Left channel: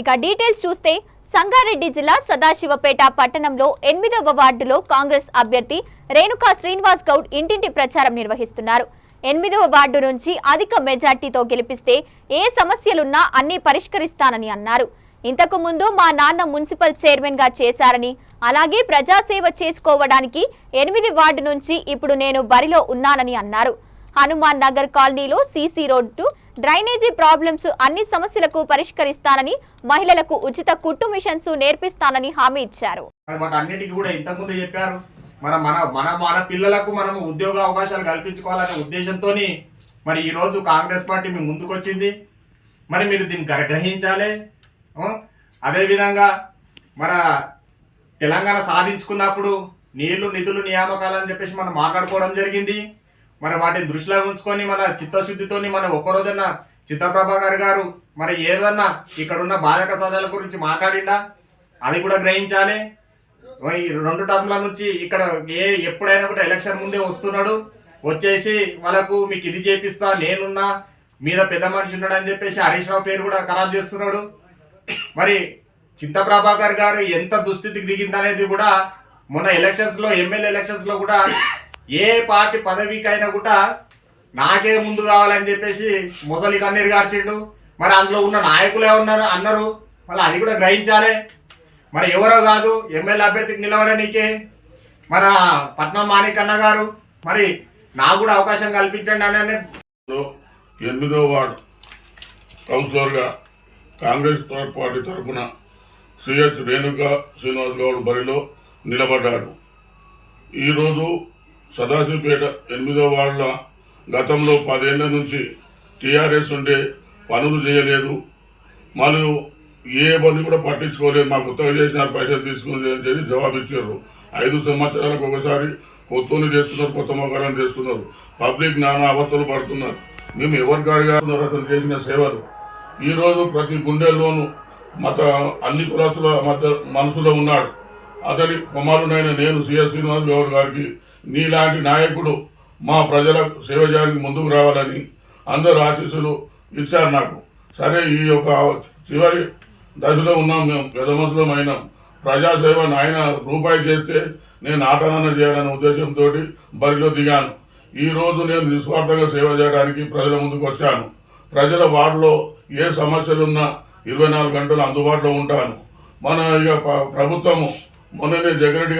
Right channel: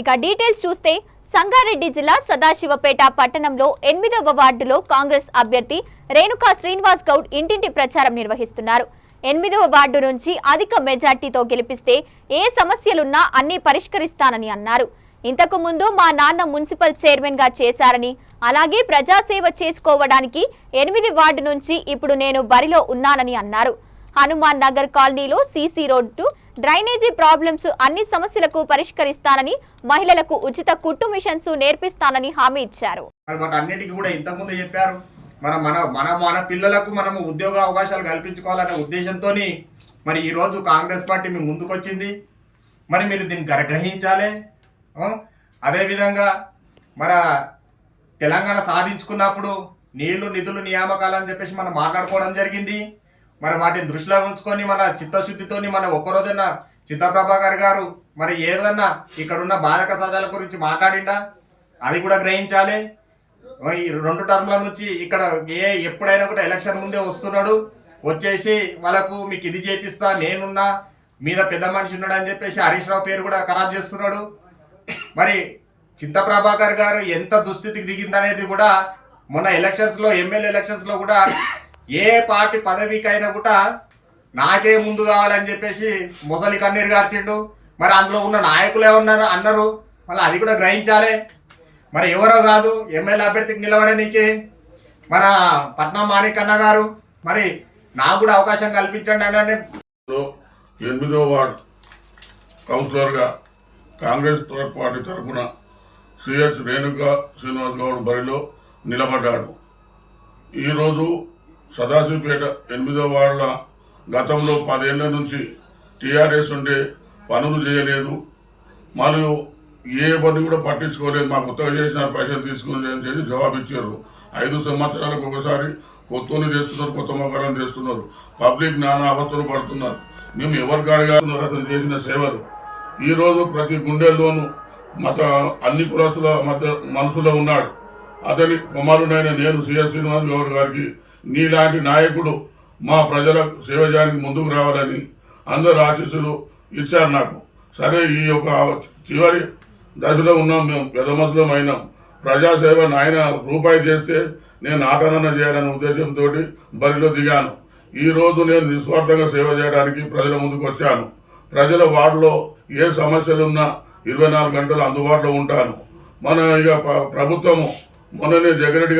ఇక డీటెయిల్స్ చూస్తే సంగారెడ్డి జిల్లా సదాశివపేట పట్టణంలో 8వ వార్డులో కాంగ్రెస్ అభ్యర్థి రేణుకా శ్రీనివాస్ గౌడ్ ఇంటింటి ప్రచారం నిర్వహిస్తున్నారు. 8వ వార్డు నుంచి అధిక మెజార్టీతో గెలిపిస్తే ఏ సమస్యలున్నా అన్ని పరిష్కరిస్తానని అన్నారు. ఇంతకు ముందు మా నాన్న మున్సిపల్ చైర్మన్ గా చేశారని, అలాగే ప్రజాసేవ చేసుకోవడానికి 8 వార్డు నుంచి ఇప్పుడు నేను బరిలో ఉన్నానని అన్నారు. హనుమాన్ నగర్ కాలనీలో సీసీ రోడ్డు, డ్రైనేజీ ప్రాబ్లమ్స్ అన్ని సమస్యలకు పరిష్కరిస్తానని, మహిళలకు ఉచిత కుట్టు మిషన్స్ నేర్పిస్తానని హామీ ఇచ్చారు. అన్నిటికీ కూడా ఇంతకుముందు చెప్పారు. మన పిల్లలకు మనము ఉద్యోగ అవకాశాలు కల్పించుకోవాలనే ఉద్దేశంతో మరి ఈరోజు కాంగ్రెస్ పార్టీ మీ ముందుకు వచ్చింది. మరి మీరు దీన్ని గ్రహించాలి. అదేవిధంగా మన తెలంగాణ సాధించుకున్నప్పుడు నీళ్లు నిధులు నియామకాలని చెప్పేసి మనం మాట్లాడుకోవడం జరిగింది. మరి వాటిని దృష్టిలో ఉంచుకొని మన చిత్తశుద్ధితో మన ఒక్కరోజన్నా చిత్తప్రభాకర్ గారు మరి ఏదన్నా ఇక్కడున్న బాధక సాధాల గురించి మాట్లాడిండా అది కూడా గ్రహించాలి. ఈ 2 టర్మ్ల నుంచి ఇక్కడ ఎప్పుడైనా కూడా ఎలక్షన్ ముందే వస్తున్నాడు, వచ్చేసి వాళ్ళకు మీకు ఇది చేపిస్తా, నేనున్నా, మీద పెద్ద మనిషి ఉన్నాడు అని చెప్పేసి హరీష్ రావు పేరు కూడా ఖరాబ్ చేస్తున్నాడు. మరి చింతప్రభాకర్ గారు ఎంత దుస్థితికి దిగిందనేది కూడా మొన్న ఎలక్షన్స్లో, ఎమ్మెల్యే ఎలక్షన్స్లో కూడా ఏ పార్టీ పదవికైనా కూడా నాకే ముందు కావాలని చెప్పేసి ముసలి కన్నీరు గార్చిండు. మరి అందులో ఉన్న నాయకులు ఏమన్నారు అన్నారు, మళ్ళీ అది కూడా గ్రహించాలి. మరి ఎవరో కాదు ఎమ్మెల్యే అభ్యర్థికి నిలబడడానికి మన పట్నం మాణికన్న గారు, మరి నాకు కూడా అవకాశం కల్పించండి అని 8వ వార్డు కౌన్సిలర్గా కాంగ్రెస్ పార్టీ తరఫున సిహెచ్ రేణుకా శ్రీనివాస్ గౌడ్ బరిలో నిలబడ్డాడు. ఈరోజు సదాశివపేట 8వ వార్డుల గతంలో 10 ఏళ్ల నుంచి టీఆర్ఎస్ ఉంటే పనులు చేయలేదు, మరియు ఏ పని కూడా పట్టించుకోలేదు. మాకు కొత్తగా చేసిన పైసలు తీసుకుని అని చెప్పి జవాబు ఇచ్చారు. 5 సంవత్సరాలకు ఒకసారి కొత్తని చేస్తున్నారు, కొత్త మొక్కలను చేస్తున్నారు. పబ్లిక్ నానా అవస్థలు పడుతున్నారు. మేము ఎవరి గారిగా అతను చేసిన సేవలు ఈరోజు ప్రతి గుండెల్లోనూ అన్ని కులస్తుల మధ్య మనసులో ఉన్నాడు. అతని కుమారుడైన నేను సిఎస్ శ్రీనివాస్ గౌడ్ గారికి నీలాంటి నాయకుడు మా ప్రజల సేవ చేయడానికి ముందుకు రావాలని అందరూ ఆశీస్సులు ఇచ్చారు నాకు. సరే, ఈ యొక్క చివరి దశలో ఉన్నాం, మేము పెద్ద మనుషులం అయినాం. ప్రజాసేవ నాయన రూపాయి చేస్తే నేను ఆటనన చేయాలనే ఉద్దేశంతో బరిలో దిగాను. ఈరోజు నేను నిస్వార్థంగా సేవ చేయడానికి ప్రజల ముందుకు వచ్చాను. ప్రజల వార్డులో ఏ సమస్యలున్నా 24 గంటలు అందుబాటులో ఉంటాను. మన ప్రభుత్వము మొన్ననే జగన్ రెడ్డి